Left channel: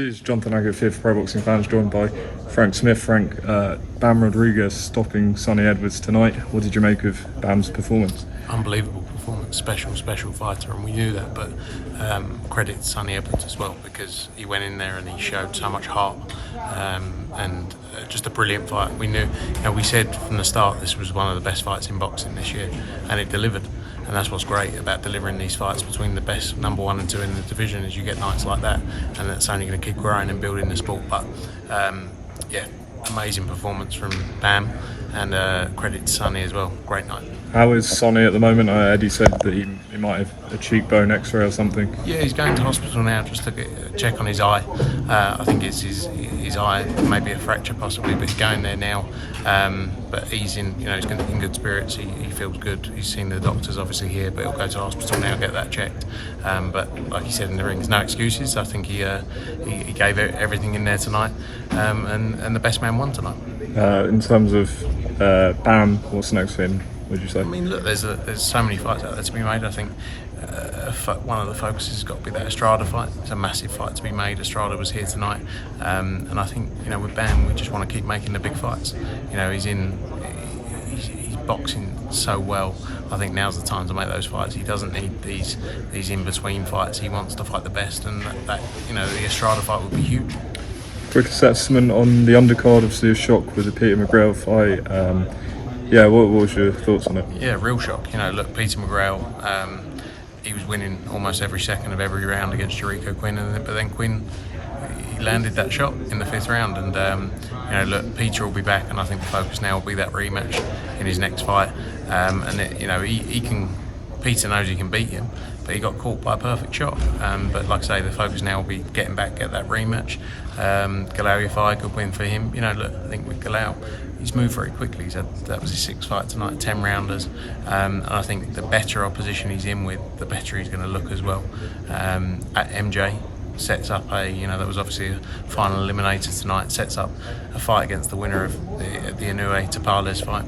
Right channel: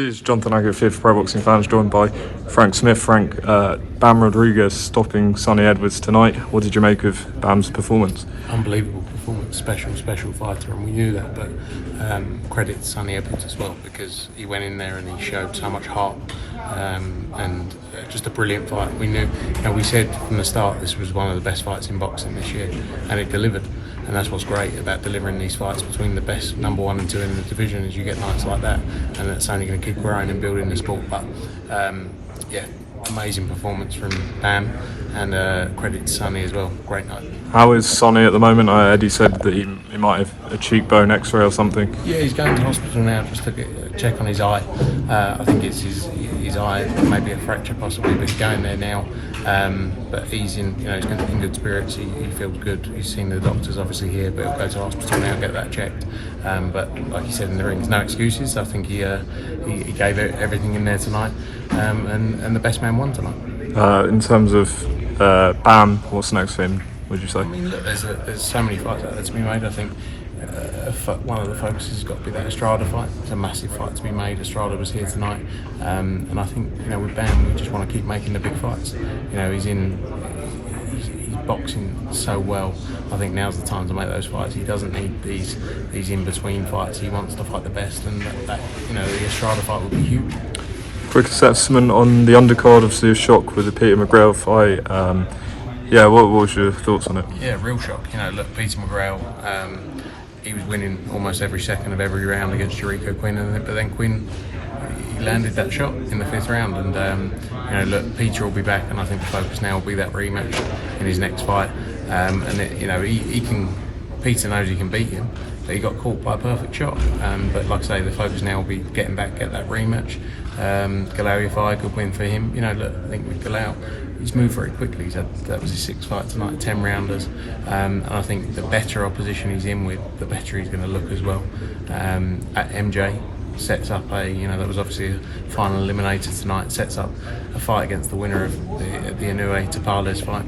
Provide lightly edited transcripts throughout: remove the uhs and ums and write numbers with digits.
is Jonathan Aggett here for Pro Boxing Fans, joined by Frank Smith. Frank, Bam Rodriguez stopping Sonny Edwards tonight. What did you make of Bam's performance? Unbelievable performance, special fighter, and we knew that, but credit Sonny Edwards as well, because he went in there and he showed so much heart, and just a brilliant fight. We knew, we said from the start this was one of the best fights in boxing this year, and it delivered. And that's what's great about delivering these fights between the best number 1 and 2 in the division, is you get nights like that, and that's only going to keep growing and building the sport. But amazing performance from Bam, and credit to Sonny as well. Great night. How is Sonny at the moment? Eddie said that he might have a cheekbone X-ray or something. Yeah, he's going to hospital now just to get a check on his eye. I think it's his eye, maybe a fracture possibly, but he's going there now. But he's in, he's going to be in good spirits. He feels good. He's seen the doctors obviously here, but he'll go to the hospital now and get that checked. But like he said in the ring, there's no excuses. I think he gave everything in there tonight, and the best man won tonight. In terms of Bam, what's next for him, would you say? I mean, look, there's so many fights out there to be made. I think one of the focuses has got to be that Estrada fight. It's a massive fight to be made. Estrada was here tonight, and I think with Bam, we just want to keep making the big fights. He's boxing so well. I think now's the time to make those fights. He doesn't need these in between fights. He wants to fight the best, and that the Estrada fight will be huge. Quick assessment on the undercard, obviously a shock with the Peter McGrail fight. What was your thoughts on it? Yeah, real shock. Look, Peter McGrail, he was winning almost every second of every round against Jericho Quinn, but then Quinn, he landed that shot in the 5th round, and look, Peter will be back, and I think the focus now will be that rematch in his next fight. Peter knows he can beat him, but he got caught by a perfect shot. But like I say, the focus now will be getting back, get that rematch. Galal Yafai, good win for him. Look, I think with Galal, he's moved very quickly. That was his 6th fight tonight, 10 rounders, and I think the better opposition he's in with, the better he's going to look as well. At MJ sets up that was obviously a final eliminator tonight. Sets up a fight against the winner of the Inoue Tapales fight.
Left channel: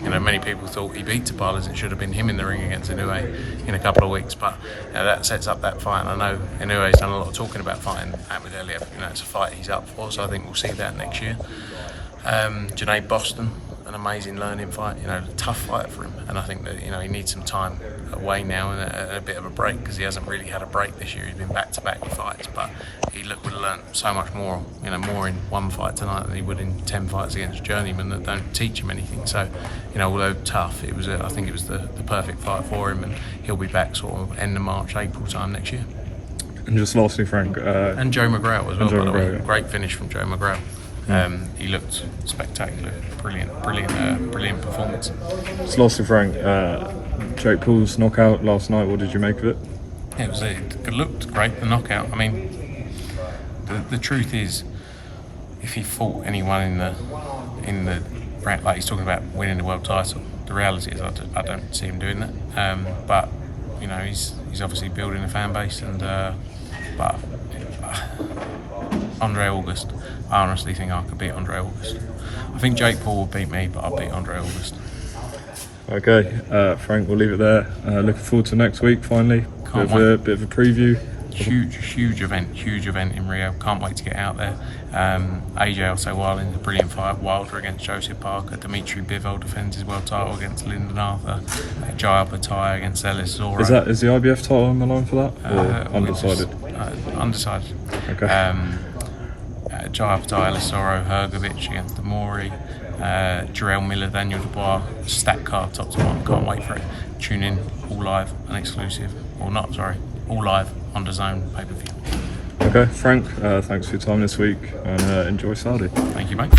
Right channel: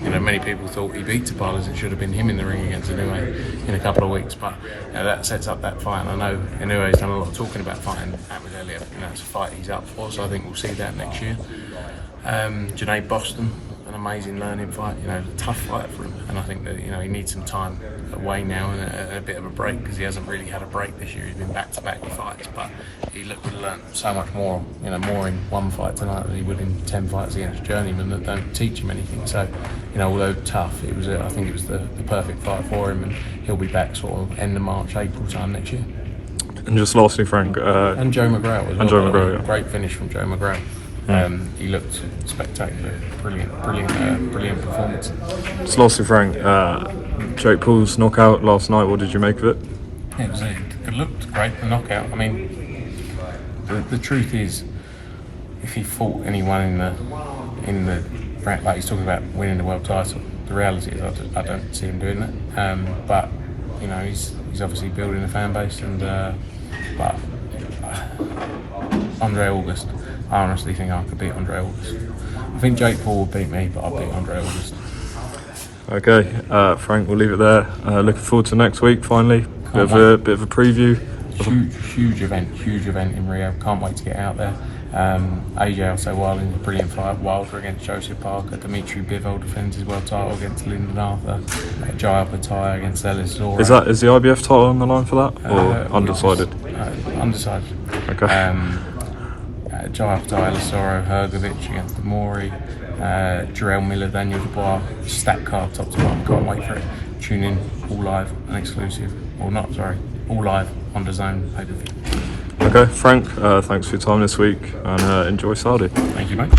Many people thought he beat Tapales. It should have been him in the ring against Inoue in a couple of weeks, but that sets up that fight. And I know Inoue's done a lot of talking about fighting Ahmed Elliott. It's a fight he's up for, so I think we'll see that next year. Junaid Boston, an amazing learning fight. A tough fight for him, and I think that he needs some time away now and a bit of a break, because he hasn't really had a break this year. He's been back-to-back fights, but he would have learned so much more, more in one fight tonight than he would in 10 fights against journeymen that don't teach him anything. So, although tough, I think it was the perfect fight for him, and he'll be back sort of end of March, April time next year. And just lastly, Frank, and Joe McGrail as well. Joe McGrail, yeah. Great finish from Joe McGrail. He looked spectacular, brilliant performance. Just lastly, Frank, Jake Paul's knockout last night, what did you make of it? Yeah, it looked great, the knockout. I mean, the truth is, if he fought anyone in the brand, like he's talking about winning the world title, the reality is I don't see him doing that. But he's obviously building a fan base, and but Andre August, I honestly think I could beat Andre August. I think Jake Paul will beat me, but I'll beat Andre August. Okay, Frank, we'll leave it there. Looking forward to next week, finally. Bit of a preview. Huge event in Rio. Can't wait to get out there. AJ Alcewal in a brilliant fight. Wilder against Joseph Parker. Dimitri Bivol defends his world title against Lyndon Arthur. Jai Opetaia against Ellis Zora. Is the IBF title on the line for that, or undecided? Undecided. Okay. Jai Opetaia, Ellis Zora, Hrgovic against Demori. Jarrell Miller, Daniel Dubois, stack card top to bottom. Can't wait for it. Tune in, all live and exclusive. All live on DAZN pay-per-view. Okay, Frank, thanks for your time this week, and enjoy Saudi. Thank you, mate.